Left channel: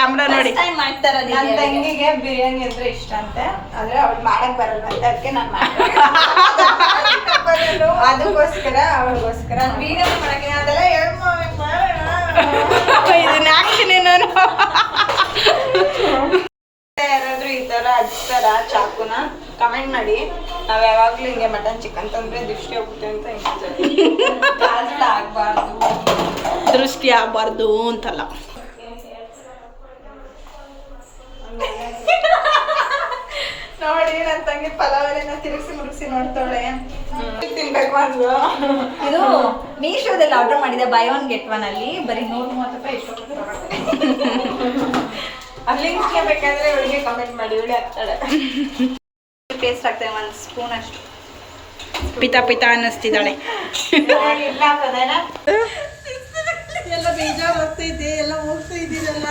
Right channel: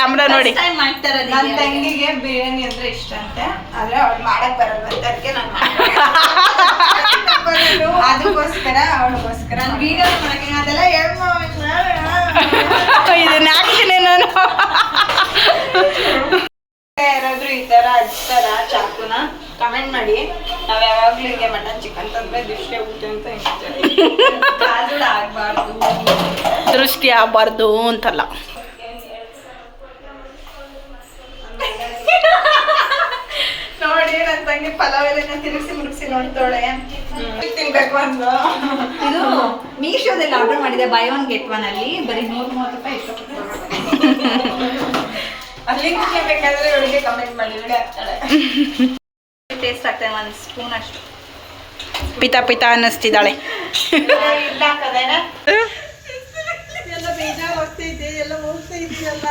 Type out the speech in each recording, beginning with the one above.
Camera ನೋಡಿ. ನನ್ನ ತಂಗಿಗೆ ಬಿರಿಯಾನಿ ಅಂದ್ರೆ ಇಷ್ಟ ಅಂತೆ, ಆದ್ರೆ ಅವ್ಳು ಮಾಡಕ್ ಬರಲ್ಲ ಅಂತ ಅದಕ್ಕೆ ನಾನು ಅದಕ್ಕೋಸ್ಕರ ಅವಳಿಗೋಸ್ಕರ ವಿಡಿಯೋ ಮಾಡಕ್ಕೆ ಅದೆಲ್ಲ ಇದನ್ನ ಹಾಕ್ತೀನಿ ನಾನು. ಯಾರಾದ್ರೂ ಈ ತರ ಹಚ್ತಾರ ಚಾಕುನ ಕಮೆಂಟ್ ಮಾಡಿ. ನಾವ್ ಯಾವಾಗ್ಲೂ ಹಿಂಗೆ ಮಟನ್ ಚಿಕನ್ ತಂದ್ರೆ ದೃಷ್ಟಿ ಹೋಗುತ್ತೆ ಅಂತ ಆಗ್ಬಾರ್ದು, ದೃಷ್ಟಿ ಆಗ್ಬಾರ್ದು ಅಂತಲ್ಲ. ನೋಡಿ ನನ್ನ ತಂಗಿ ಪಲಾವೆಲ್ಲ ತಿರುಗಿಸಿ ಮುರುಗಿಸಿ ನೋಡ್ತಾಳೆ. ತಿನ್ಬೇಕು ಅಂದ್ಲು. ಇದು ಮೀಶೋದಲ್ಲಿ ಆರ್ಡರ್ ಮಾಡಿದೆ, ಬೈ ಒನ್ ಗೆಟ್ ಒನ್ ಅಲ್ಲಿ ಬರೀ 130 ರೂಪಾಯಿ ಇತ್ತು. ಅಲ್ಲಿ ಬೇಕಾದ್ರೆ ಇವಳಿಗೆ ಕಮೆಂಟ್ ಮಾಡಿ, ಇವಳಿ ಆಗ್ತಾಳೆ. ಟೇಸ್ಟ್ ಆಗ್ತದೆ, ಒಂದು ಸ್ಪೂನ್ ಅಷ್ಟು. ಪಿತಾ ಪಿತಾ ಅನ್ನಿಸ್ತಿದ್ದಾಳೆ. ಎಲ್ಲ ಬೇಜಾರು ಹೋಗ್ತೈತೆ, ಎಲ್ಲ ಹೋಗ್ತಾ ಇದ್ದೀರಲ್ಲ.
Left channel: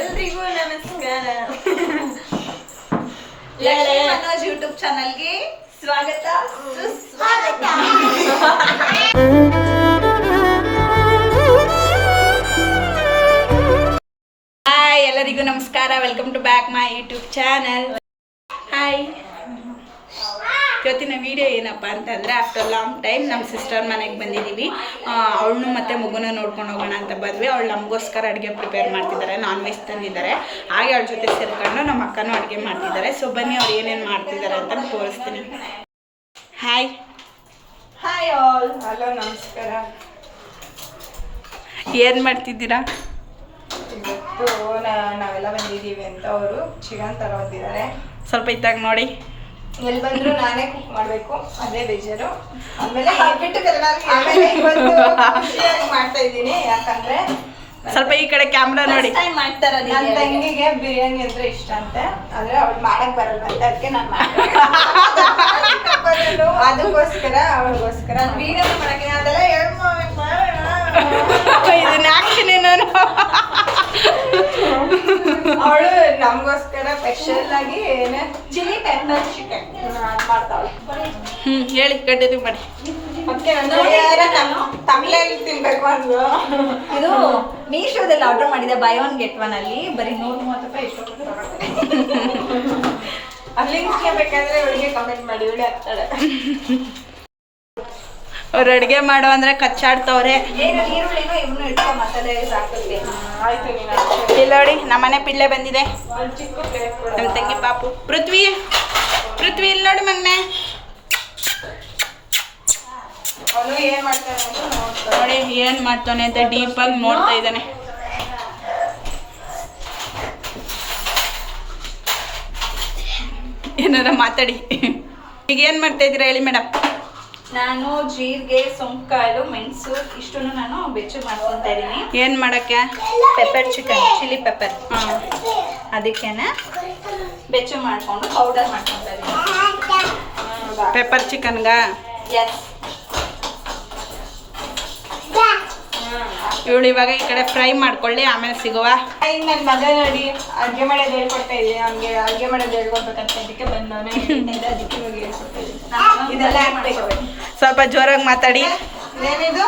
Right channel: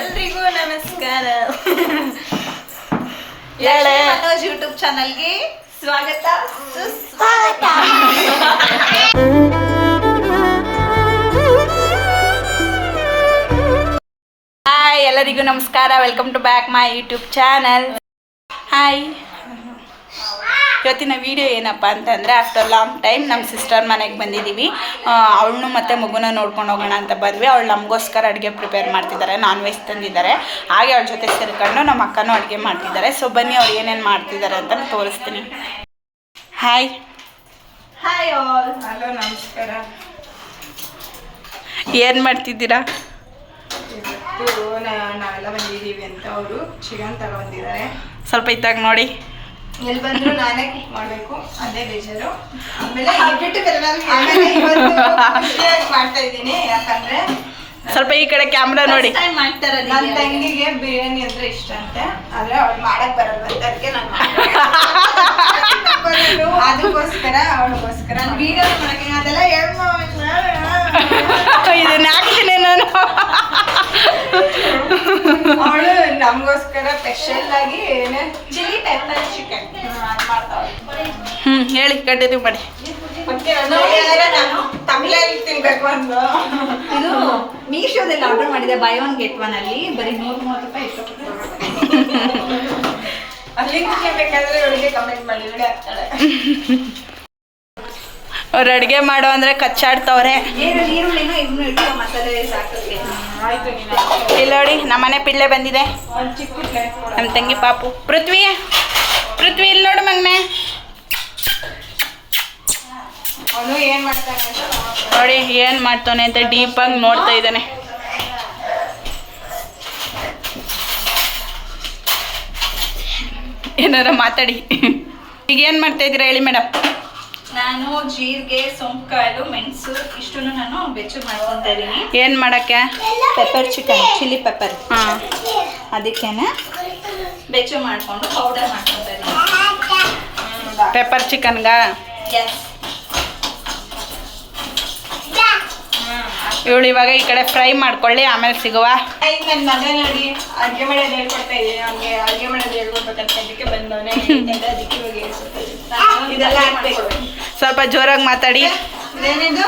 ಎಲ್ರಿಗೂ ನಮಸ್ಕಾರ. ಮನೋಜ್ ಯೂಟ್ಯೂಬ್ ಚಾನಲ್ಗೆ ಸ್ವಾಗತ ಸುಸ್ವಾಗತ. ಹಾಯ್, ಎಲ್ಲರಿಗೂ ನಮಸ್ಕಾರ. Welcome to back my YouTube channel. Hi, ಇವತ್ತಿನ ವಿಡಿಯೋ ಏನಪ್ಪ ಅಂತಂದರೆ, ಆಫ್ಟರ್ ಲಾಂಗ್ ಟೈಮ್ ನಮ್ಮ ಸಿಸ್ಟರ್ ಮನೆಗೆ ಬಂದಿದ್ದೀವಿ. ಅವಳನ್ನು ಮತ್ತು ಮಗುನ ನೋಡ್ಕೊಂಡು ಹೋಗೋಣ ಅಂತ ಬಂದ್ವಿ. ಅವಳು ನಮಗೋಸ್ಕರ ಅಡುಗೆ ಪ್ರಿಪೇರ್ ಮಾಡ್ತಿದ್ದಾರೆ, ನಾನ್ ವೆಜ್ ತಂದಿದ್ದಾರೆ. ಹಾಗೆ ಅವಳ ಜೊತೆ ಸೇರ್ಕೊಂಡು ನಮ್ಮ ಅಕ್ಕನೂ ಅಡುಗೆ ಮಾಡ್ತಿದ್ದಾರೆ. ಸೊ ಬನ್ನಿ ಅವ್ರು ಏನೇನು ಮಾಡ್ತಿದ್ದಾರೆ ಅಂತ ತೋರಿಸ್ತೀನಿ. Hi hi all. ಹಲೋ, ನಮಸ್ಕಾರ. ಏನು ಮಾಡ್ತಿದ್ದೀರಾ? ಇವತ್ತು ನಾವೆಲ್ಲ ಬಂದಿದ್ದೀವಿ ಅಂತ ಅವರು ಚಿಕನ್ ತಗೊಂಡಿದ್ದಾರೆ. ಸ್ವಲ್ಪ ಇತ್ತಾಗ ನೋಡಿ. ಎಲ್ಲಿ ಬಂದ್ರು ನಾನೇ ಕುಕ್ ಮಾಡಬೇಕು, ಅದೇ ಬೇಜಾರು. ಆಮೇಲೆ ಮಾಡ್ತಾ ಇದ್ದೀನಿ, ಯಾಕಂದ್ರೆ ಸ್ವಲ್ಪ ಈ ಕಡೆ ಕ್ಯಾಮ್ರಾ ನೋಡಿ. ನನ್ನ ತಂಗಿಗೆ ಬಿರಿಯಾನಿ ಅಂದ್ರೆ ಇಷ್ಟ ಅಂತೆ, ಆದ್ರೆ ಅವ್ಳು ಮಾಡಕ್ ಬರಲ್ಲ ಅಂತ ಅದಕ್ಕೆ ನಾನು ಅದಕ್ಕೋಸ್ಕರ ಅವಳಿಗೋಸ್ಕರ ವಿಡಿಯೋ ಮಾಡಕ್ಕೆ ಅದೆಲ್ಲ ಇದನ್ನ ಹಾಕ್ತೀನಿ ನಾನು. ಅವಳು ನಮಗೋಸ್ಕರ ಸ್ಪೆಷಲ್ ಆಗಿ ಚಿಲ್ಲಿ ಪೆಪ್ಪರ್ ಚಿಕನ್ ಮಾಡ್ತಾವಳು. ಹೇಳಿ, ಕಂಟಿನ್ಯೂ ಮಾಡಿ. ಮತ್ತೆ ನಾನು ತಮಿಳಲ್ಲಿ ತಿನ್ಬೇಕು ಅಂದ್ಲು. ಇದು ಮೀಶೋದಲ್ಲಿ ಆರ್ಡರ್ ಮಾಡಿದೆ, ಬೈ ಒನ್ ಗೆಟ್ ಒನ್ ಅಲ್ಲಿ ಬರೀ 130 ರೂಪಾಯಿ ಇತ್ತು. ಅಲ್ಲಿ ಬೇಕಾದ್ರೆ ಇವಳಿಗೆ ಕಮೆಂಟ್ ಮಾಡಿ, ಇವಳಿ ಆಗ್ತಾಳೆ. ಅವ್ರು ಅಡುಗೆ ಮಾಡೋ ಅಂದರೆ ಕಚ್ಚಾಡ್ತವ್ರೆ. ಈರುಳ್ಳಿನೂ ಇವನು ಇಟ್ಕೊ ಮಸಾಲೆ ಸಾಕಕ್ಕೆ. ಇಲ್ಲ ನೋಡಿ, ನಮ್ಮನೆ ಪಿಳ್ಳೆ ಬಂದಿದೆ, ನಮ್ಮ ತಂಗಿ ಪಾಪು. ಪೃಥ್ವಿ ಇಲ್ಲಿ ನೋಡಿ ಮಗನೆ. ಅವನು ಏನು ಮಾಡ್ತಾನೆ ಅಂತ ನೋಡಿ ಏನು ಮಾಡ್ತಾನೆ ಅಂತ ಡೀಪಾಗಿ ನೋಡ್ತಾ ಇದ್ದಾನೆ. ಏನಾರ ಮಾತಾಡಿ. ಈಗ ಏನು ಮಾಡ್ತಾ ಇದ್ದೀರಾ ಹೇಳಿ ಮೇಡಮ್? ನಾನು ಜೀರಿಗೆ, ಸೊಂಪುಕಾಳು, ಮೆಣಸು ಇಷ್ಟನ್ನು ನಾನು ಬೆಚ್ಚು ಮಾಡ್ಕೊತಾ ಇದ್ದೀನಿ. ಏನು ಮಾಡೋಕ್ಕೆ? Pepper chicken, chilli pepper. ಹಾಂ, ಅದಕ್ಕೇನೆ ಬೆಚ್ಚು ಮಾಡಿಕೊಂಡು ಪೌಡರ್ ಮಾಡ್ಕೊತಾ ಇದ್ದೀನಿ. ಪೆಪ್ಪರ್ ಚಿಕನ್ಗ ಇವಳು ಇವಾಗ ಈ ಕಡೆ ಫ್ರೈ ಮಾಡ್ಕೊಳ್ಳಿ, ಆಮೇಲೆ ಸಿಗುವ. ಈಗ ನನ್ನ ಮಗ ನೋಡಿ ಅಡುಗೆ ಮಾಡೋದು ಹೇಳ್ಕೊಡ್ತಾ ಇದ್ದೀನಿ. ಅವ್ನಿಗೆ ಅಡುಗೆ ಮಾಡೋದು ಹೇಳ್ಕೊಡ್ಬೇಕಂತ ಅದಕ್ಕೆ ಬಂದವನೇ, ಅದಕ್ಕೆ ಇವಾಗ ಹೇಳ್ಕೊಡ್ತಾ ಇದ್ದೀನಿ. ಇದೆಲ್ಲ ಹಾಕ್ಬೇಕು. ಸ್ವಲ್ಪ ಜೋರಾಗಿ ಮಾತಾಡಿ. ಏನಿದು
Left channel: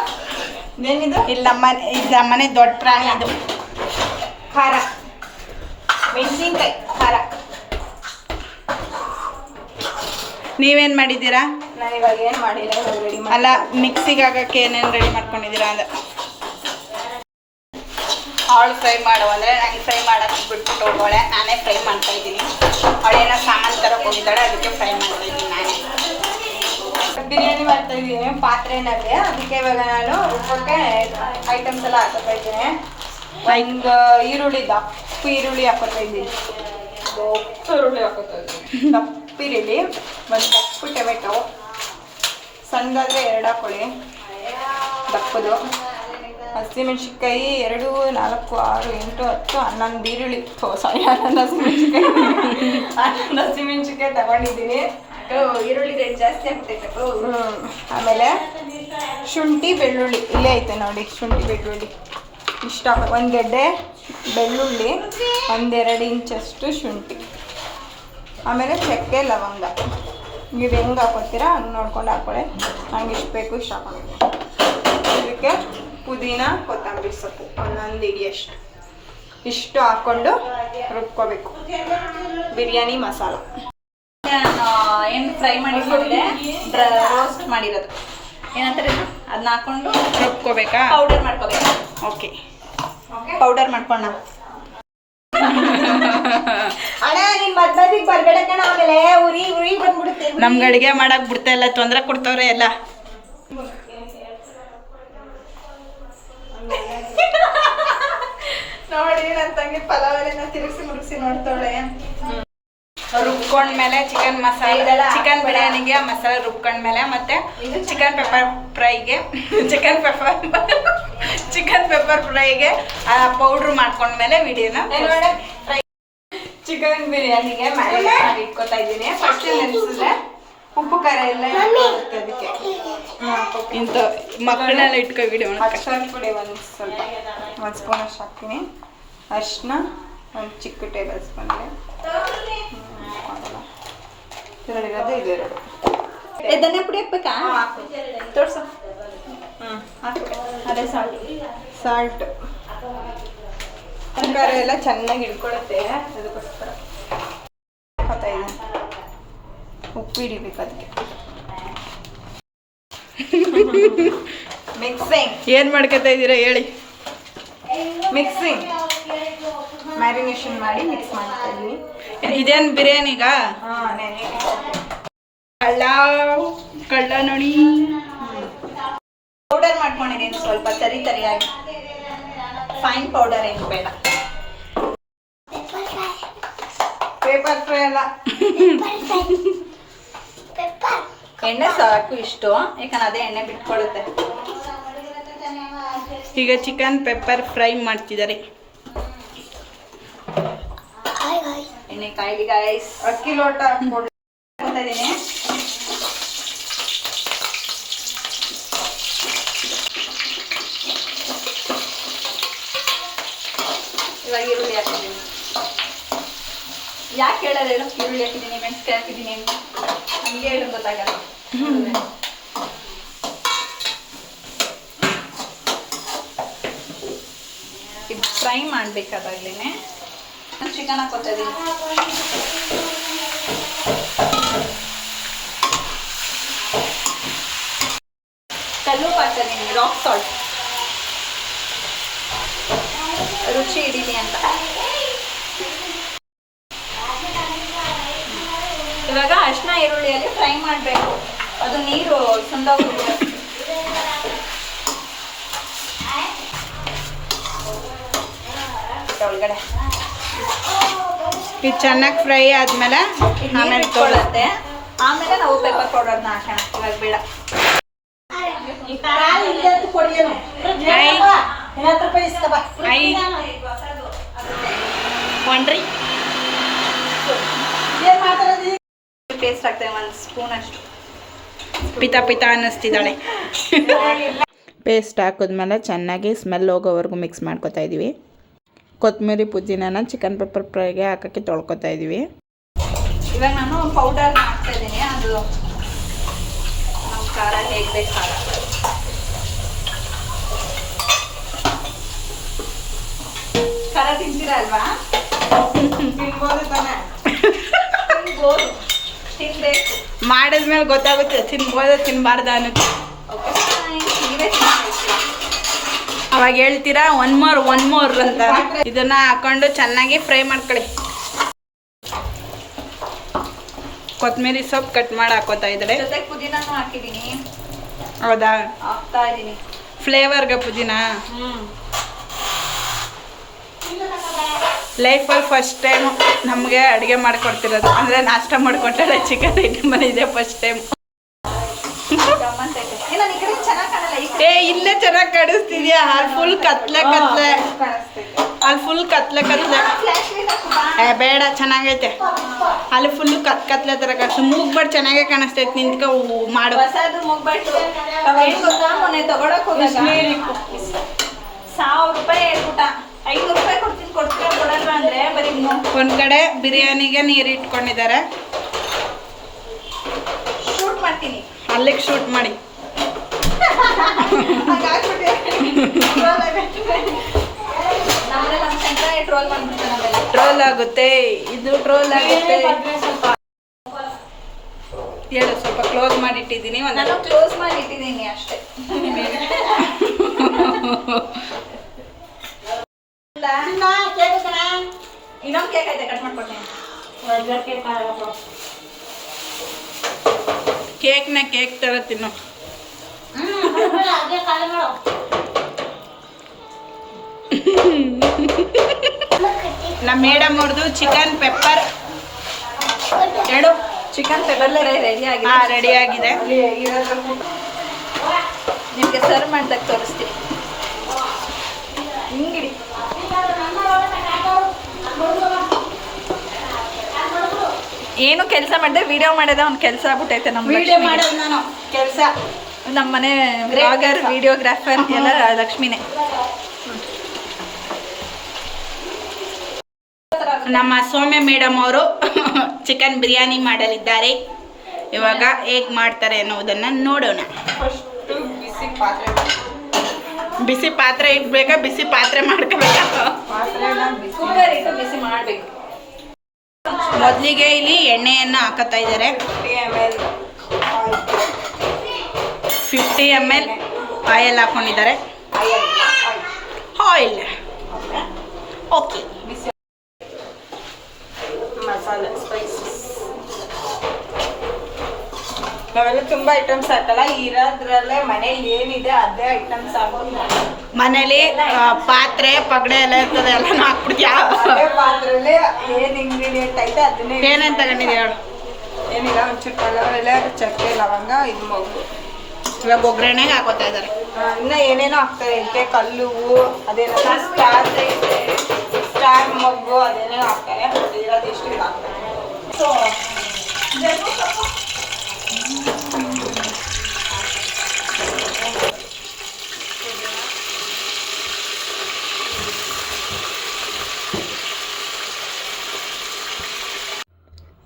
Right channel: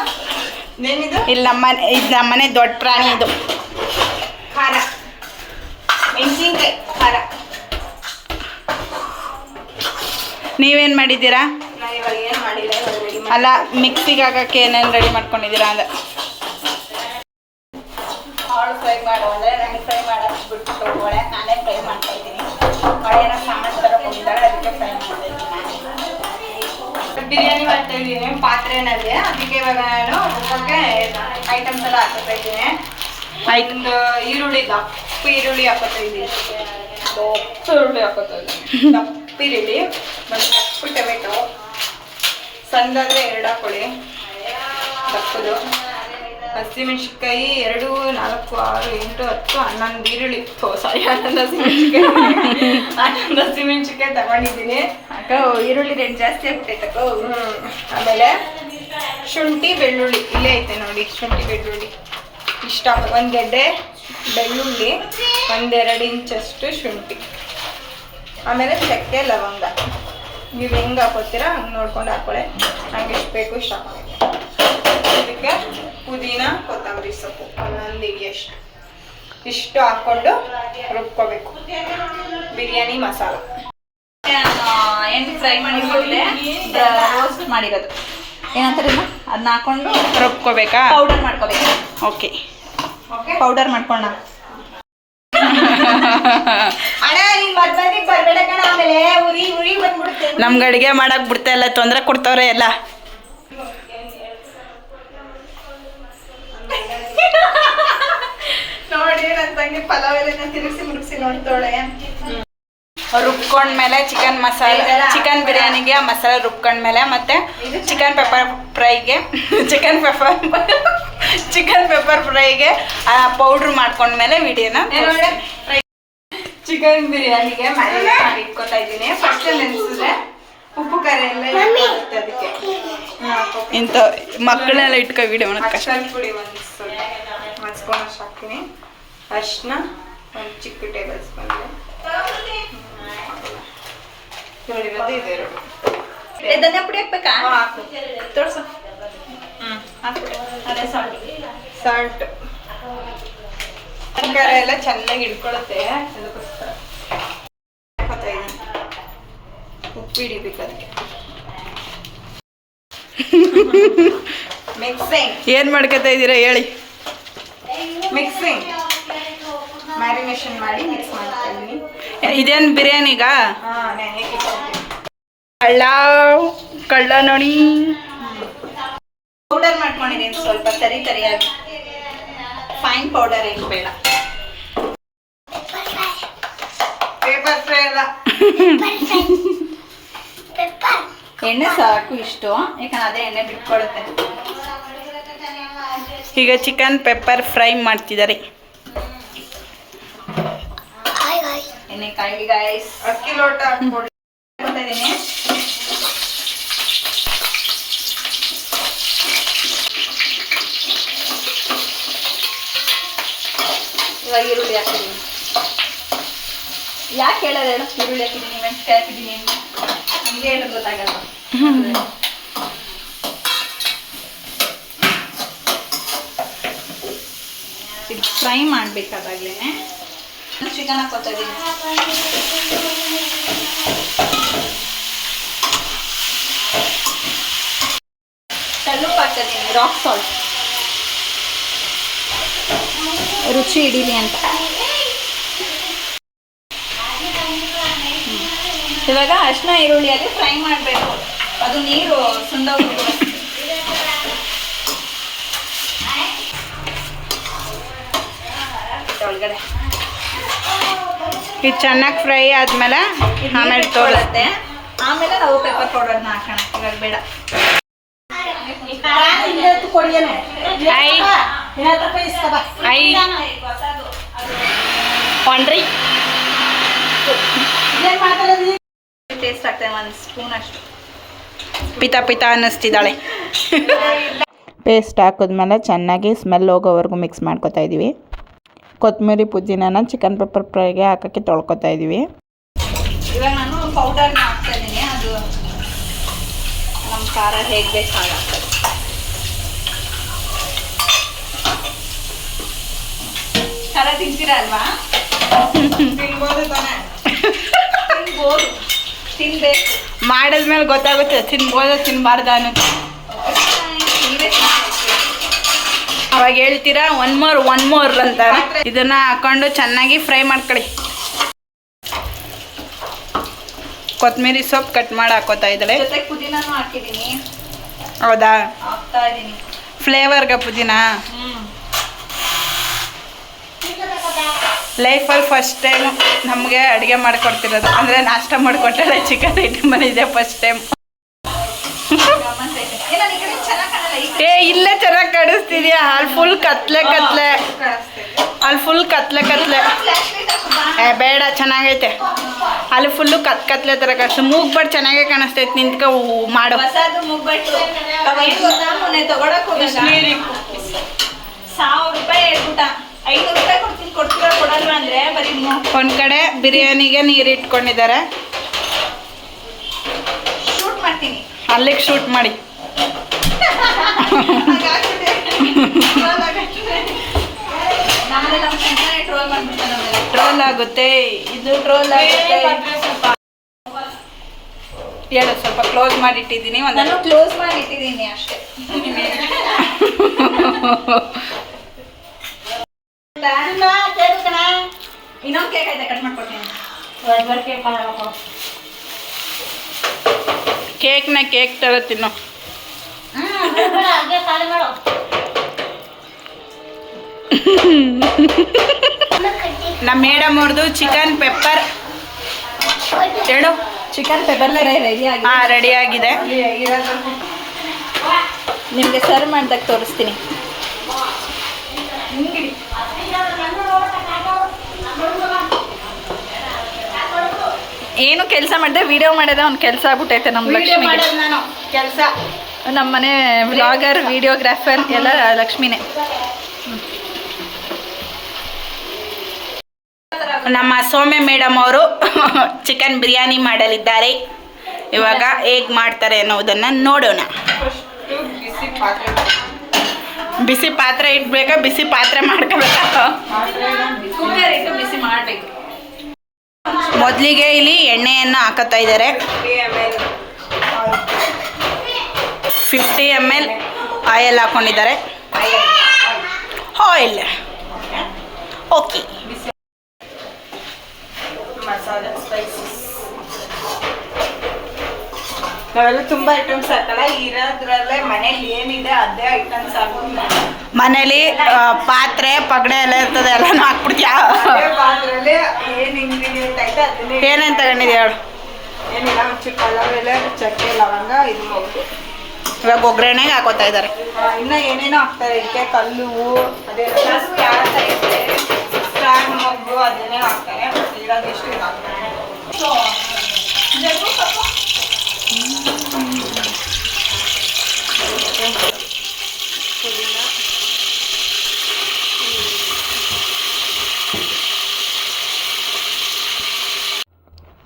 ಇಲ್ಲಿ ಇದು ನಮ್ಮನೆ ದೊಡ್ಡ ಪ್ರಾಣಿ. ಇದು ಖಾರ, ಮೆಣಸಿನ್ಕಾಯಿ ಖಾರ. ನೀವೇನು ಮಾಡಿದ್ದೀರಾ? ನಾನು ಇವಾಗ ಏನು ಮಾಡಿಲ್ಲ, ಅಲ್ಲ, ಮಿಕ್ಸಿಗೆ ಹಾಕಕ್ಕೆ ಏನೇನು ರೆಡಿ ಮಾಡ್ಕೊಂಡಿದ್ದೀರಾ ಅಂದ. ಅವಳು ಫ್ರೈ ಮಾಡುವಳೆ, ನಂಗೆ ಫ್ರೈ ಮಾಡೋಕ್ಕೆ ಬಿಟ್ಬಿಟ್ಟು ಹೋಗೋಳೆ. ನಾನೇ ಫ್ರೈ ಮಾಡ್ತಾ ಇದ್ದೀನಿ. ಅವಳೇನೋ ಸಾಮಾನು ತರಕ್ಕೆ ಹೋಗಿದ್ದಾಳೆ, ಅದಕ್ಕೆ ಫ್ರೈ ಮಾಡ್ತಾ ಇದ್ದೀನಿ. ನಾನೇ ಬಿರಿಯಾನಿ ಮಾಡ್ತಾ ಇದ್ದೀನಿ ಪಾತ್ರೆನಲ್ಲಿ. ಅದಕ್ಕೆ ಇವಾಗ ನಾನು ರುಬ್ಬಕ್ಕೆ ಐಟಮ್ಸ್ ಎಲ್ಲ ಹಾಕೋತಾ ಇದ್ದೀನಿ. ಒಂದು ಈರುಳ್ಳಿ, ದಪ್ಪ ಈರುಳ್ಳಿ ಹಾಕೋತಾ ಇದ್ದೀನಿ. ದಪ್ಪ ಈರುಳ್ಳಿ ಹಾಕೋತಾ ಇದ್ದೀನಿ. ದಪ್ಪ ಈರುಳ್ಳಿ, ಒಂದು ದಪ್ಪ ಟೊಮೆಟೊ, ಸಣ್ಣದಾದರೆ 2 ಹಾಕೊಳ್ಳಿ, ದಪ್ಪದು. ಹಸಿಮೆಣ್ಸಿನ್ಕಾಯಿ 2, 4, 6, 8, 10, 11 ಈರುಳ್ಳಿ. ಸಾರಿ, 11 ಹಸಿಮೆಣ್ಸಿನ್ಕಾಯಿ ತಗೊಂಡಿದ್ದೀನಿ. ಈರುಳ್ಳಿ ರೇಟ್ ಜಾಸ್ತಿ ಆಗ್ತೈತಕ್ಕೋ. ಆಮೇಲೆ ಶುಂಠಿ, ಬೆಳ್ಳುಳ್ಳಿ ಇಲ್ಲೇ ಐತೆ ನೋಡಿ. ಶುಂಠಿ, ಬೆಳ್ಳುಳ್ಳಿ ಇಷ್ಟ. 1 ಗೆಡ್ಡೆ ಬೆಳ್ಳುಳ್ಳಿ, 1-2 ಇಂಚಷ್ಟು ಶುಂಠಿ. ಆಮೇಲೆ ಚಕ್ಕೆ, ಲವಂಗ. ನೀವು ಹೆಂಗೆ ಹಾಕೋತೀರಾ ಹಂಗೆ ನೋಡ್ಕೊಂಡು ಹಾಕೊಳ್ಳಿ. ನಂಗೆ ಎಷ್ಟು ಬೇಕು ಇಷ್ಟು ಹಾಕೋಬೇಕು. ಇದಕ್ಕೆ ಪುದೀನ ಕೊತ್ತಂಬರಿ ಸೊಪ್ಪು ಒಂದೊಂದು ಹಿಡಿಯಷ್ಟು ಇಷ್ಟು ಹಾಕ್ಕೊಂಡು ರುಬ್ಕೋಬೇಕು. ಬಿರಿಯಾನಿ ಮಸಾಲ ಎಣ್ಣೆ ಫ್ರೈ ಮಾಡಿದ್ಮೇಲೆ ರೋಸ್ಟ್ ಮಾಡಿರೋದು ಏನಂತಾರೆ ಅದನ್ನ ಹಾಕೊಂಡು ರುಬ್ಕೋಬೇಕಾ? ಪೌಡರ್ ಮಾಡ್ಕೋಬೇಕು. ಓಕೆ, ಪೌಡರ್ ಮಾಡ್ಕೊಳ್ಳೋಣ. ಅಣ್ಣ ನೀನ್ ಬರ್ಬೇಕ ಬರ್ಬೇಡ ಕಣ, ಆಮೇಲೆ ಉರಿ ಬಂದ್ಬಿಡುತ್ತೆ. ನಮ್ಗೆ ಅಡುಗೆ ಮಾಡಕ್ ಬಿಡ್ತಾ ಇಲ್ಲ, ತೊಂದರೆ ಕೊಡ್ತವ್ರೆ ಎಲ್ಲ. ನೋಡಿ ನನ್ನ ತಂಗಿ ಪಲಾವ್ ಎಲ್ಲ ತಿರುಗಿಸಿ ಮುರುಗಿಸಿ ನೋಡ್ತಾಳೆ. ರುಬ್ಕೊಂಡ್ಮೇಲೆ ಚಿಕನ್ ಮಸಾಲೆ, ಚಿಕನ್ ಬಿರಿಯಾನಿಗೆ ಮಸಾಲೆ ರುಬ್ಕೊಂಡ್ಮೇಲೆ ಮತ್ತೆ ಚಿಕನ್ ಪೆಪ್ಪರ್ ಫ್ರೈಗೆ ಚಿಕನ್ ಪೆಪ್ಪರ್ ಫ್ರೈಗೆ ಪೌಡ್ರ್ ಮಾಡ್ಕೊಂಡ್ಮೇಲೆ ವಿಡಿಯೋನ ಚಿಕನ್ ಬಿರಿಯಾನಿಗೆ ಮ್ಯಾರಿನೇಟ್ ಮಾಡಿ ಇಟ್ಕೊತಾ ಇದ್ದೀನಿ. ಫಸ್ಟ್ ನೆನೆಸಿದ್ರೆ ಉಪ್ಪು ಖಾರ ಎಲ್ಲ ಇರುತ್ತೆ, ಅದಕ್ಕೆ ಇಂಥ ಮಕ್ಕಳನ್ನೆಲ್ಲ ಇಟ್ಕೊ ವಿಡಿಯೋ ಅರ್ಶಿನ ಪುಡಿ ಒಂದು ಸ್ವಲ್ಪ 1 ಸ್ಪೂನ್ ಅಷ್ಟು ಹಾಕ್ತೀನಿ. ಅರ್ಶಿನ ಒಂದು ಚಿಕ್ಕ ಟೇಬಲ್ ಸ್ಪೂನ್ಗೆ ಇರೋದು ಇದೆರಡು. ಧನಿಯಾ ಪುಡಿ ಹಾಕ್ಬೇಕಾ? ಹಾಕು ತೋರ್ಸು. ಅದೇ ಸಾಲ್ಟ್ ಖಾರ ಎಲ್ಲ ಚೆನ್ನಾಗಿ ಇಟ್ಕೊಳ್ಳುತ್ತೆ, ಅದಕ್ಕೋಸ್ಕರ ಉಪ್ಪು ಹಿಡಿಬೇಕು ಅದಕ್ಕೆ. ಮಿಕ್ಸಿಂಗ್ ಏನು ಮಾಡ್ಕೊತಾ ಇದ್ದೀರಾ ಹೇಳಿ? ಮಿಕ್ಸಿಂಗ್ ಮ್ಯಾರಿನೇಷನ್ ಮಾಡಿ ಮಿಕ್ಸ್ ಮಾಡ್ತಾ ಇದ್ದೀನಿ. ಇದೇನು ಬಿರಿಯಾನಿಗ? ಕಳ್ಳ ನೋಡಿ. ಪೌಡರ್ ಮಾಡ್ಕೊಂಡಿದ್ದೀನಿ ಸ್ವಲ್ಪ ತರಿ ತರಿಯಾಗಿ, ಫೈನ್ ಪೌಡರ್ ಏನು ಬೇಡ. ಪೇಪರ್ ಫ್ರೈ ಅಲ್ಲ, ಎಣ್ಣೆ ಸಾಕು ಇಷ್ಟು, ಯಾಕಂದ್ರೆ ಅದೇ ಎಣ್ಣೆ ಬಿಟ್ಕೊಳ್ಳುತ್ತೆ. ಈಗ ಚಿಕನ್ ಪೆಪ್ಪರ್ ಫ್ರೈ ಮಾಡ್ತಿದ್ದಾರೆ. ಎಣ್ಣೆ ಕಾಯಿಲಿ ಗಾಯ್ಸ್. ಅಕ್ಕಿ ಲೋಟ ಹಾಕ್ತಾ ಇದ್ದೀನಿ. ಇವಾಗ ಈರುಳ್ಳಿ ಹಾಕಿದ್ದೀನಿ. ಯಾಕೆ ಹೇಳೋದು ಹೇಳು? ಈರುಳ್ಳಿ ಹಾಕಿದ್ದೀನಿ, ಮೆಣಸಿನ್ಕಾಯಿ ಹಾಕಿದ್ದೀನಿ, ಹಂಗೆ ಹೇಳೋದು ಗೊತ್ತಾಗಲ್ಲ. ಇದು ಫ್ರೈ ಮಾಡಬೇಕಾದಾಗಲೇ ಚಿಕನ್ ಹಾಕೋತಾ ಇದ್ದೀನಿ. ಕಲ್ಲುಪ್ಪು ಹಾಕ್ತಾ ಇದ್ದೀನಿ, ರಾಕ್ ಸಾಲ್ಟ್, ರುಚಿ ಹಿಡೀಲಿ ಅಂತ. ಇವಾಗ ಅರ್ಶಿನ ಈರುಳ್ಳಿಯಲ್ಲಿ ಫ್ರೈ ಮಾಡಬೇಕು, ಅದು ನೀರು ಸುಂದೋಗ್ಬಿಟ್ಟು ಒಳಗಡೆ. ಇದು ಚೆನ್ನಾಗಿ ಫ್ರೈ ಆದ್ಮೇಲೆ ಆಮೇಲೆ ತೋರಿಸುತ್ತೆ. ಆಮೇಲೆ ನಾವು ಪೆಪ್ಪರ್ ಪೌಡರ್ನ ಹಾಕೋಣ. ಇವಾಗ ಬೇಡ. ಟೇಸ್ಟ್ ಆಗ್ತದೆ, 1 ಸ್ಪೂನ್ ಅಷ್ಟು. ಪಿತ ಅನ್ನಿಸ್ತಿದ್ದಾಳೆ. ಪೇಸ್ಟ್ ಹಾಕಿದ್ಮೇಲೆ ಚೆನ್ನಾಗಿ ಸ್ಮೆಲ್ ಹೋಗೋವರೆಗೂ ಮಿಕ್ಸ್ ಮಾಡ್ಕೊತಾ ಇದ್ದೀವಿ. ಕೊತ್ತಂಬರಿ ಪುದೀನಾನ ಚಿಕನ್ ಪೆಪ್ಪರ್ ಫ್ರೈಗೆ ಹಾಕೋಕ್ಕೆ ತೊಳ್ಕೊತಾ ಇದ್ದೀವಿ. ಇವಾಗ ನಾನು ಪೌಡರ್ನ ಹಾಕ್ತಾ ಇದ್ದೀನಿ, ಅದು ನಮ್ಮ ಖಾರ ಹೇಗೆ ಬೇಕು ಹಾಗೆ. ಖಾರ ತಿಂತೀರಾ ಅಲ್ವಾ? ತಿನ್ಬೋದು ತಾನೆ? ತಿನ್ಬೋದು, ತಿನ್ಬೇಕು. ಮಾಡಿದ್ಮೇಲೆ ಗೊತ್ತಾಗುತ್ತೆ ತಿನ್ಬೋದು ತಿನ್ಬಾರ್ದ ಅನ್ನೋದು. ನೀವೇ ತಿನ್ಬೇಕು. ಅವಾಗ ಹೇಳ್ತೀರಾ ಒನ್ ಮೋರ್ ಅಂತ. ಇದನ್ನ ಹಾಕೊಂಡು ಚೆನ್ನಾಗಿ ಫ್ರೈ ಮಾಡ್ಕೊಳ್ಳಿ. ಕೊತ್ತಂಬರಿ ಸೊಪ್ಪು ಕಟ್ ಮಾಡಿ ಹಾಕೋತಾ ಇದ್ದಾಳೆ. ಜೊತೆಗೆ ಪುದೀನಾನು ಹಾಕಿದ್ದೀನಿ. ಹೌದಾ? ಹಾಕ್ತಾ ಇದ್ದೀನಿ ಫ್ಲೇವರ್ಗೆ ಪುದೀನ. ಲೈಫಲ್ಲಿ ಫಸ್ಟ್ ಟೈಮ್ ನಮಗೆ ಅಡುಗೆ ಮಾಡಿಕೊಡ್ತಿರೋದು, ಅಂದರೆ ನಾಷ್ಟ ಮಾಡಿಕೊಟ್ಟಾಳೆ. ಚಿಕನ್ ಐಟಮ್ ಇದೆ ಫಸ್ಟ್ ಟೈಮ್. ಏ ಇಲ್ಲೇ ಚೆನ್ನಾಗಿ ಕಾಣಿಸ್ತಿದ್ಯಾ? ಅಲ್ಲಿ ಫುಲ್ ಕತ್ಲೆ ಅಲ್ಲಿ ಫುಲ್ ಕತ್ಲೆ ಏ ಬೇಡ, ಚೆನ್ನಾಗೈತೆ. ಅಲ್ಲಿ ಫುಲ್ಲು ಕತ್ಲೆ ಥರ ಕಾಣಿಸ್ತು. ಮೂಗ್ಬಾರ್ದು ಚೆನ್ನಾಗೇ ಕಾಣಿಸ್ತೈತೆ. ನಿಂತ್ಕೊ ಮಾಡು. ಮೊನ್ನೆ ತಗೊಳಕ್ ಹೋದಾಗ 1000 ರೂಪಾಯಿ ಊಟ, 5 ರೂಪಾಯಿ ಕೊಡ್ತೀರಾ ಕೊಡಲ್ವಾ ಅಂದ್ರೆ ಬರೀ ಒಂದು ಕಡೆ ಬಿರಿಯಾನಿಗೆ ನೀರು ಇಟ್ಕೊಂಡಿದ್ದಾರೆ. ಶೂಟ್ ಮಾಡ್ತೀನಿ, ಅಲ್ಲಿಗೆ ಶೂಟ್ ಮಾಡಿ. ನಮ್ಮನೆ ನಮ್ಮ ಸಂತಾನೆ ಟ್ರೋಲ್ ಮಾಡ್ಬಿಡ್ತಾರೆ ನಮ್ಮೆಲ್ಲ. ಟ್ರೋಲ್ ಆಗುತ್ತೆ, ಇದು ಟ್ರೋಲ್ ಆಗುತ್ತೆ. ಹೇಳು, ಸ್ವಲ್ಪ ಕ್ಲೋಸ್ ಮಾಡಿಟ್ಟಿದ್ದೀನಿ. ನಾನು ಕ್ಲೋಸ್ ಮಾಡಿ ಇಟ್ಟಿದ್ದೀನಿ ಅಷ್ಟೇ. ಇನ್ನೊಂದು ಕೇಕ್ ಐತೆ, ಕಟ್ ಮಾಡ್ಕೊಡ್ತೀನಿ. ಕೇಕ್ನ ಕೇಕ್ ಥರ ತಿನ್ನು. ನಮ್ಮ ಮೇಡಮ್ ಅವ್ರದ್ದು ಚಿಕನ್ ಪೆಪ್ಪರ್ ಹೇಳು. ಚಿಕನ್ ಪೆಪ್ಪರ್ ರೆಡಿ ಆಗಿದೆ. ಹಾಂ, ರೆಡಿ ಆಗಿದೆ. ನಿಮಗೆ ಸರ್ವ್ ಮಾಡ್ದಾಗ ತೋರಿಸ್ತೀನಿ. ಏನು ಕೆಲಸ ಮಾಡಿದೆ, ವಿಡಿಯೋ ಮಾಡಿದೆ, ಒಂದು ಕೆಲಸ ಆಗ್ಬಿಟ್ಟೈತೆ ನಮ್ಮ ಲಕ್ಷ್ಮಿಗೆ. ನಾನು ಕೆಲಸ ನಮ್ಮ ಮನೆ ವ್ಲಾಗರ್, ವಿಡಿಯೋಗ್ರಾಫರ್ ಎಲ್ಲ ಲಕ್ಷ್ಮಿನೇ. ನಮ್ಮ ಸೌಮ್ಯ ಮೇಡಮ್ ಅವರು ಚಿಕನ್ ಬಿರಿಯಾನಿ ಮಾಡಲಿದ್ದಾರೆ. ಇವಾಗ ಹೇಗೆ ಮಾಡ್ತಾರೆ ಅನ್ನೋದನ್ನು ನೋಡೋಣ. ಬಿಸಿ ಪಾತ್ರೆ ಇಟ್ಬೇಕಾ, ಬಿಸಿ ಪಾತ್ರೆ ಮಾಡ್ಕೋಬೇಕಾ? ಕುಕ್ಕರ್ ಇಟ್ಟು ಬಿಸಿ ಮಾಡಬೇಕು. ಮೊದಲಿಗೆ ಇಲ್ಲಿ ಎಣ್ಣೆಯನ್ನು ಹಾಕತ್ತಾ ಇದ್ದಾರೆ. 50 ml ಆಯಿಲ್ ಹಾಕೊಂಡಿದ್ದಾರೆ. Oil okay. ಮಸಾಲೆ ಸ್ಪೈಸಸ್ ನಾವೆಲ್ಲ ತುಂಬ ಐಟಮ್ಸ್ ಹಾಕಲ್ಲ, ಇರೋದ್ರಲ್ಲೇ ಮನೇಲಿ ಏನಿದೆ ಅದೇ ಐಟಮ್ಸ್ ಹಾಕೊಂಡು ಮನೇಲಿ ಪಾತ್ರೆ ಪಗಡೆ ಎಲ್ಲ ಇರ್ತದೆ, ಎಲ್ಲನೂ ಹಾಕ್ಬಿಡ್ತೀಯಾ? ಪಾತ್ರೆಯಲ್ಲಿ ಏನು ಇಂಗ್ರೀಡಿಯೆಂಟ್ ಐತೆ ಅದನ್ನೇ. ಏನೇನು ತಗೊಂಡಿದ್ಯಾ ಹೇಳು? ಏನಿಲ್ಲ, ಒಂಚೂರು ಪಲಾವ್ ಎಲೆ, ಚಕ್ಕೆ, ಲವಂಗ, ಇದು ಮೊಗ್ಗು. ಇವಾಗ ಒಗ್ಗರಣೆಗೆ ಹಾಕೋತಾ ಇದ್ದಾರೆ. ಇನ್ನು ಏನೇನೋ ಹಾಕ್ತಾರೆ, ಇದಕ್ಕೆ ಕಲ್ಲು, ಅದೇನೋ ಸ್ಟಾರ್ ಮೊಗ್ಗು, ಅದೇನೇನೋ ಹಾಕ್ತಾರೆ. ಇರೋದೆಷ್ಟು ಇದು ಹಾಕ್ತಾರೆ. ಸೊ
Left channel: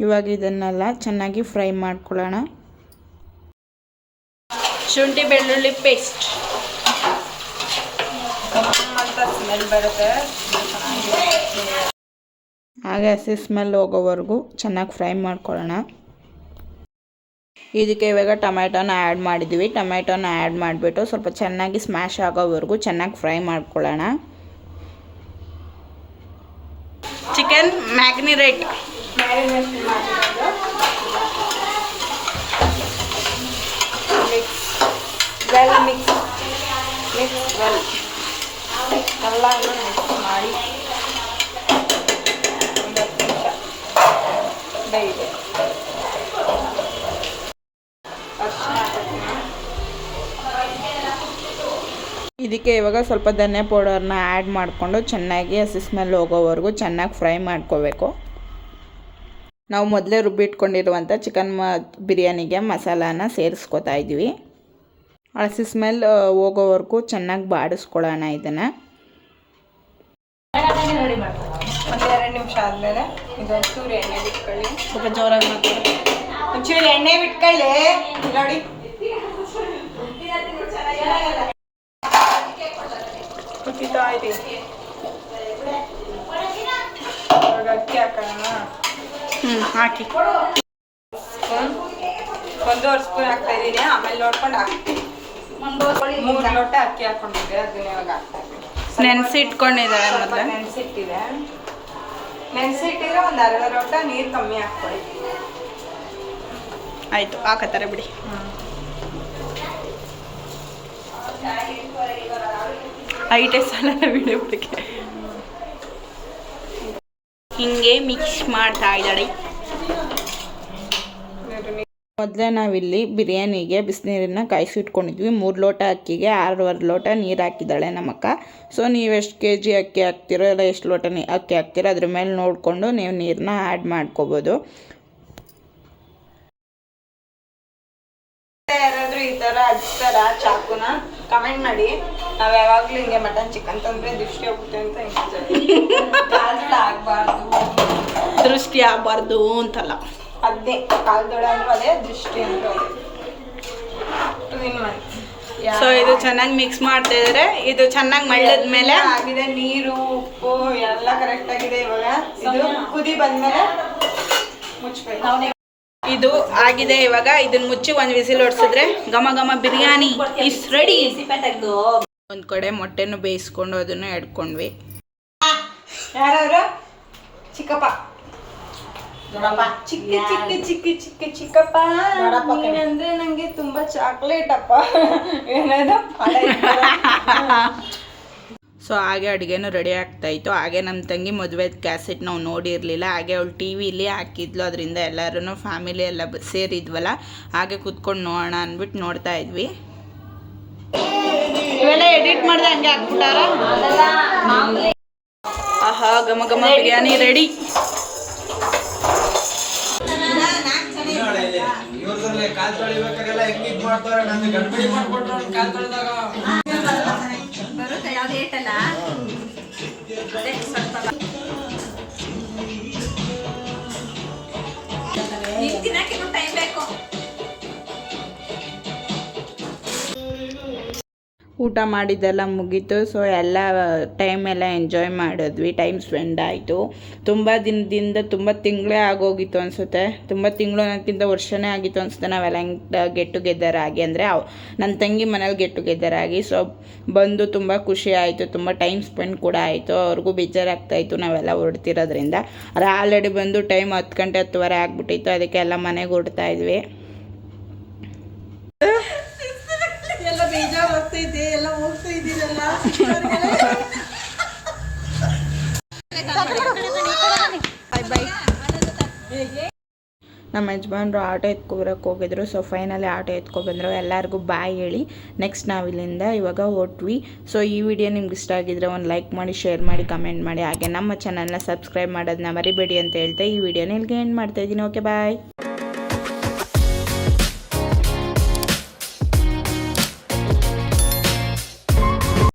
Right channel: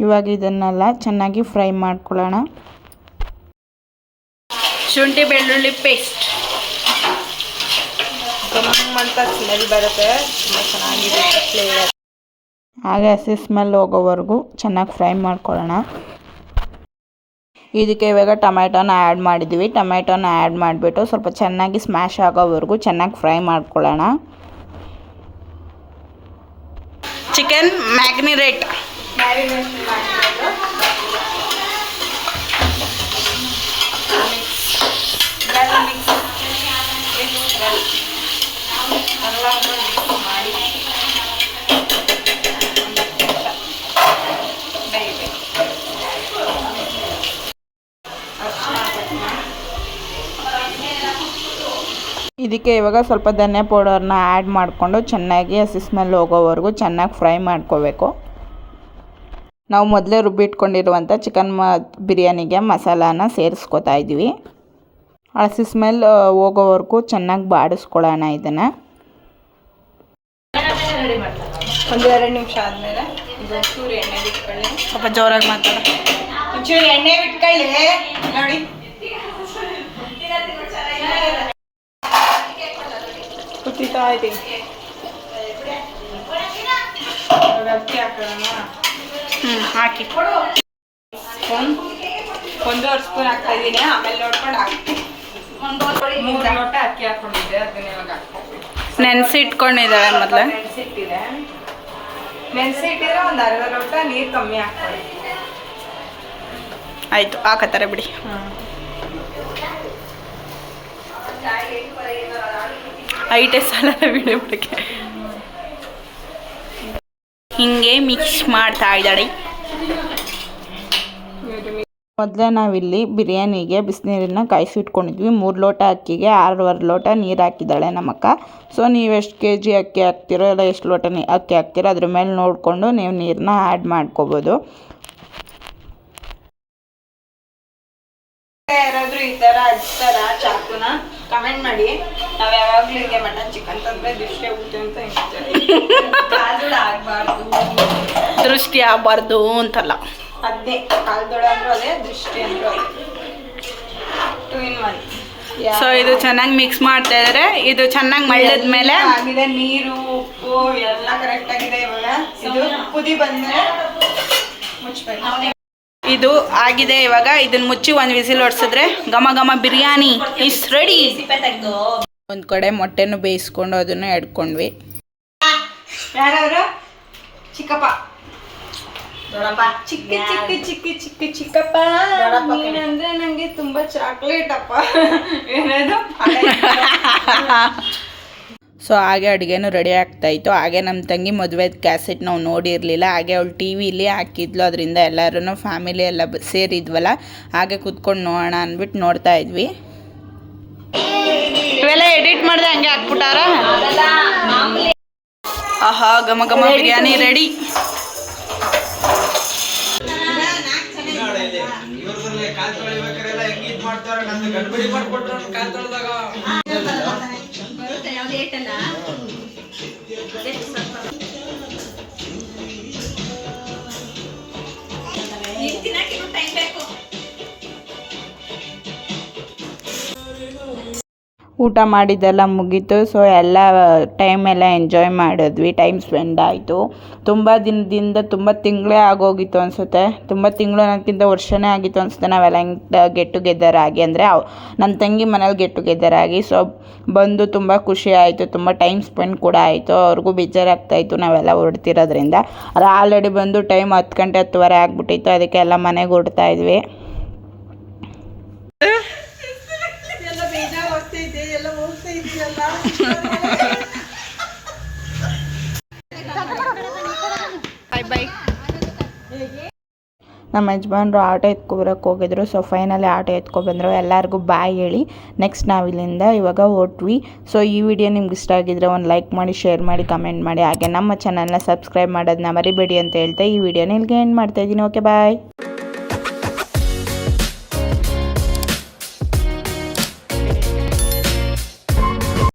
ಇವಾಗ ಇದನ್ನೆಲ್ಲ ಚೆನ್ನಾಗಿ ಫ್ರೈ ಮಾಡ್ಕೊಳ್ಳೋಣ. ಶುಂಠಿ ಬೆಳ್ಳುಳ್ಳಿ ಪೇಸ್ಟ್ ಅಂತ ಸ್ಮೆಲ್ ಬರುತ್ತೆ, ಹಾಗೆ ಹಸಿ ಸ್ಮೆಲ್ ಹೋಗೋವರೆಗೂ ಚೆನ್ನಾಗಿ ಫ್ರೈ ಮಾಡ್ಕೊಳ್ಳೋಣ. ಇದಕ್ಕೆ ಇವಾಗ ಟೊಮೆಟೊನ ಆ್ಯಡ್ ಮಾಡಿದ್ದೀವಿ. ಟೊಮೆಟೊನ ಆ್ಯಡ್ ಮಾಡಿಬಿಟ್ಟು ಸ್ವಲ್ಪ ಚೆನ್ನಾಗಿ ಸ್ಮ್ಯಾಶ್ ಆಗೋವರೆಗೂ ಚೆನ್ನಾಗಿ ಫ್ರೈ ಮಾಡ್ಕೊಳ್ಳೋಣ. ಚಿಕನ್ ಮ್ಯಾಗ್ನಿರೇಟ್ ಮ್ಯಾರಿನೇಷನ್ ಮಾಡಿರೋದು ಮಿಕ್ಸ್ ಎಲ್ಲ ಮಿಕ್ಸ್ ಮಾಡಿ ಡೈಲಿ ಇದಕ್ಕೆ ಇವಾಗ ಸ್ವಲ್ಪ ಧನಿಯಾ ಪೌಡರ್ನ ಆ್ಯಡ್ ಮಾಡಿಕೊಂಡು ಚೆನ್ನಾಗಿ ಹಸಿ ಸ್ಮೆಲ್ ಹೋಗೋವರೆಗೂ ಚೆನ್ನಾಗಿ ಫ್ರೈ ಮಾಡ್ಕೋಬೇಕು. ನಾವು ಮೊದಲೇ ರುಬ್ಬಿಟ್ಕೊಂಡಿರುವಂಥ ಚಿಕನ್ ಬಿರಿಯಾನಿಗೆ ಮಸಾಲಾನ ಸೇರಿಸ್ಕೊತಾ ಇದ್ದೀವಿ. ಹಸಿ ಸ್ಮೆಲ್ ಹೋಗೋವರೆಗೂ ಚೆನ್ನಾಗಿ ಬಾಡಿಸ್ಕೊಳ್ಳೋಣ. ಇದನ್ನು ಒಂದು 2 ನಿಮಿಷ ಆದಮೇಲೆ ಇದೊಂಚೂರು ಎಣ್ಣೆ ಬಿಟ್ಕೊಳ್ಳಿ. ಸ್ವಲ್ಪ ಜೋರಾಗಿ ಮಾತಾಡ. ಒಂಚೂರು ಎಣ್ಣೆ ಬಿಟ್ಕೊಳ್ಳಿ. ನೋಡಿ ಕುದಿತಾ ಇದೆ. ಅಕ್ಕಿ ಹಾಕೋಣ. ಹಾಕಿ. 1.5 ಸ್ಪೂನ್ ಹಾಕ್ತಾ ಇದ್ದೀನಿ. ಆಮೇಲೆ ನೋಡ್ಕೊಂಡು ಹಾಕ್ತೀನಿ. 3 ಲೋಟ ಅಕ್ಕಿ ಹಾಕೊಂಡಿದ್ದೆ, ಅದನ್ನ ಇವಾಗ ಹಾಕ್ತೀನಿ. ನೆನೆಸಿಟ್ಕೊಂಡಿದ್ದಾಳೆ ಮೊದಲೇ. ನೆನೆಸಿಟ್ಟಿದ್ರೆ ಒಂದು ಅರ್ಧ ಲೋಟ ನೀರು ಕಮ್ಮಿ ಹಾಕ್ಕೊಳ್ಳಿ. ಆಯಿತು, ಹಾಕತ್ತಾರೆ ಬಿಡಿ. ಐಟೆ ಸಾಲ ವಿಡಿಯೋ ಬಿಡಕ್ಕೆ ಹಿಂಗೆ ಮಿಕ್ಸ್ ಮಾಡ್ತಾ ಇದ್ದಾಳೆ. ಮೊದಲೇ ನಾವಿಲ್ಲಿ ಬಿರಿಯಾನಿಗೆ ಬಿಸಿನೀರನ್ನ ಕಾಯಿಸಿಟ್ಕೊಂಡಿದ್ವಿ. 3 ಲೋಟ ಅಕ್ಕಿಗೆ 6.25 ಲೋಟ ನೀರು ಹಾಕಿದ್ದಾಳೆ ನಮ್ಮಕ್ಕ. ಸೊ ನೀವು ಎಷ್ಟು kg ಅಕ್ಕಿ ಹಾಕ್ತಿರೋ ಇಲ್ಲ ಎಷ್ಟು ಲೋಟ ಅಕ್ಕಿ ಹಾಕ್ತಿರೋ ಅದ್ರ ಮೇಲೆ ನೋಡಿಕೊಂಡು ನೀವು ನೀರನ್ನ ಆ್ಯಡ್ ಮಾಡ್ಕೋಬೋದು. ಯಾರಾದ್ರೂ ಈ ಥರ ಹಚ್ತಾರ ಚಾಕುನ ಕಮೆಂಟ್ ಮಾಡಿ. ನಾವು ಯಾವಾಗಲೂ ಹಿಂಗೆ ಮಟನ್ ಚಿಕನ್ ತಂದರೆ ದೃಷ್ಟಿ ಹೋಗುತ್ತೆ ಅಂತ ಆಗಬಾರ್ದು, ದೃಷ್ಟಿ ಆಗಬಾರ್ದು ಅಂತಲ್ಲ, ಅದೇ ಕಾಲ್ದೊಳ ಅಂದ್ರೂ ಅದೇ, ದೃಷ್ಟಿ ಅಂದ್ರೂ ಅದೇ. 2 in 1. ಸೊ ಇದು ಚೆನ್ನಾಗಿ ಮಿಕ್ಸ್ ಮಾಡ್ತಾ ಇದ್ದಾರೆ. ಇದು ಚೆನ್ನಾಗಿ ಮಳ್ಳದ ಮೇಲೆ ಆಗಿದೆ. ನೀರು ಉಪ್ಪು ಎಲ್ಲ ಕರೆಕ್ಟ್ ಆಗಿದೆ. ಇವಾಗ ಇದು ಕುದಿ ಬಂದ್ಮೇಲೆ ಮುಚ್ಚಬೇಕು. ಇದು ಆಗಿದೆ. ಇವಾಗ ಇದನ್ನ ಮುಚ್ಚಿ ಒಂದು ವಿಸಿಲ್ ಹೊಡ್ಸಿದ್ರೆ ಘಮ ಘಮ ಬಿರಿಯಾನಿ ಇಸ್ ರೆಡಿ. ಒಂದು ಕಡೆ ಮೊಟ್ಟೆನೂ ಬೇಯಿಸ್ಕೊಂಡು ಅದನ್ನು ಎಡ್ಕೊಂಡ್ವಿ. ಯಾರವರು? ಚಿಕ್ಕಪ್ಪ ಚಿಕ್ಕ ಚಿಕ್ಕ ಚಿಕ್ಕ ಚಿಕ್ಕ ಚಿಕ್ಕಪ್ಪ ನೀನಂದ್ರೆ ನಂಗೆ ತುಂಬಾ ಚಾಕ್ಲೇಟ್ ಅಪ್ಪ. ಏನದು? ಸೊ ಹಾಗೆ ಅಡುಗೆನೂ ರೆಡಿ ಆಗ್ತಾಯಿತ್ತು. ಹಾಗೆ ನಮ್ಮ ತಂಗಿ ಮದುವೆ ಕ್ಯಾಸೆಟ್ ನಾವು ನೋಡಿರಲಿಲ್ಲ. ಹಾಗೆ ಅವಳು ಟಿ ವಿಲಿ ಹಾಕಿದ್ಲು. ಅದರಿಂದ ಎಲ್ಲರೂ ಫ್ಯಾಮಿಲಿ ಎಲ್ಲ ಸೇರಿದ್ವಲ್ಲ, ಹಾಗೆ ಕೂತ್ಕೊಂಡು ನೋಡೋಣ ಅಂದ್ಬಿಟ್ಟು ನೋಡ್ತಾ ಇದ್ವಿ. ಇವೆಲ್ಲ ಎಡಿಟ್ ಮಾಡಿದೆ ಹಂಗೆ ಹಾಕ್ಬಿಟ್ಟಾರ. ಆಹಾ, ಘಮ ಘಮ ಬಿರಿಯಾನಿ ರೆಡಿ. ಊಟ ಮಾಡಿದ್ದೆಲ್ಲ ಮುಗೀತು. ಸೊ ಎಲ್ಲ ಟೈಮೆಲ್ಲ ಎಂಜಾಯ್ ಮಾಡಿದ್ವಿ. ಟೈಮ್ ಸ್ಪೆಂಡ್ ಆಯಿತು. ತುಂಬ ದಿನದಿಂದ ತುಂಬ ತಿಂಗಳೇ ಆಗೋಗಿತ್ತು ಅನಿಸುತ್ತೆ. ತುಂಬ ತಿಂಗಳು ಅನ್ನೋಕ್ಕಿಂತ ವರ್ಷನೇ ಆಗಿತ್ತು ಅನಿಸುತ್ತೆ ನಾವೆಲ್ಲ ಹೆಂಗೆ ಗೆಟ್ ಟುಗೆದರ್ ಆಗಿ. ಅಂದರೆ ನನ್ನ ತಂಗಿ ಮನೇಲಿ ಗೆಟ್ ಟುಗೆದರ್ ಆಗಿ. ಸೊ ಬಂದು ತುಂಬ ಖುಷಿ ಆಯಿತು. ತುಂಬ ಟೈಮ್ ಸ್ಪೆಂಡ್ ಕೂಡ ಆಯಿತು. ಅವ್ರಿಗೂ ಬೇಜಾರಾಗ್ತಾಯಿತ್ತು ನಾವೆಲ್ಲ ಹೊರಡ್ತಿರೋದ್ರಿಂದ. ಆದರೆ ಆಲ್ರೆಡಿ ಬಂದು ಟೈಮ್ 10 ಗಂಟೆ 10:15 ಆಗಿಬಿಟ್ಟಿತ್ತು. ಅದಕ್ಕೆ ಎಲ್ಲ ಮನೆಗೆ ಹೊರಡ್ತಾ ಇದ್ವಿ. ನಮ್ಮ ಯಜಮಾನ್ರು ಆಟೋ ಎತ್ಕೊಬರಕ್ಕೆ ಹೋಗಿದ್ರು. ಸೊ ಫೈನಲಿ ಆಟೋ ಎತ್ಕೊಬಂದರು. ಎಲ್ಲರಿಗೂ ಬಾಯ್ ಹೇಳಿ ನೆಕ್ಸ್ಟ್ ನಾವು ಇಲ್ಲಿಂದ ಇವಾಗ ಹೊರಟ್ವಿ. ಸೊ ಈ ವಿಡಿಯೋ ನಿಮ್ಗೆ ಇಷ್ಟ ಆಗಿದ್ರೆ ಒಂದು ಲೈಕ್ ಮಾಡಿ, ಶೇರ್ ಮಾಡಿ, ಕಮೆಂಟ್ ಮಾಡಿ. ಹಾಗೆ ನಮ್ಮ ಚಾನಲ್ನ ಸಬ್ಸ್ಕ್ರೈಬ್ ಮಾಡೋದನ್ನ ಮರಿಬೇಡಿ ಅಂತ ಹೇಳ್ತಾ ಈ ವಿಡಿಯೋನ ಇಲ್ಲಿಗೆ ಎಂಡ್ ಮಾಡ್ತಾಯಿದ್ದೀನಿ. ಓಕೆ ಬಾಯ್.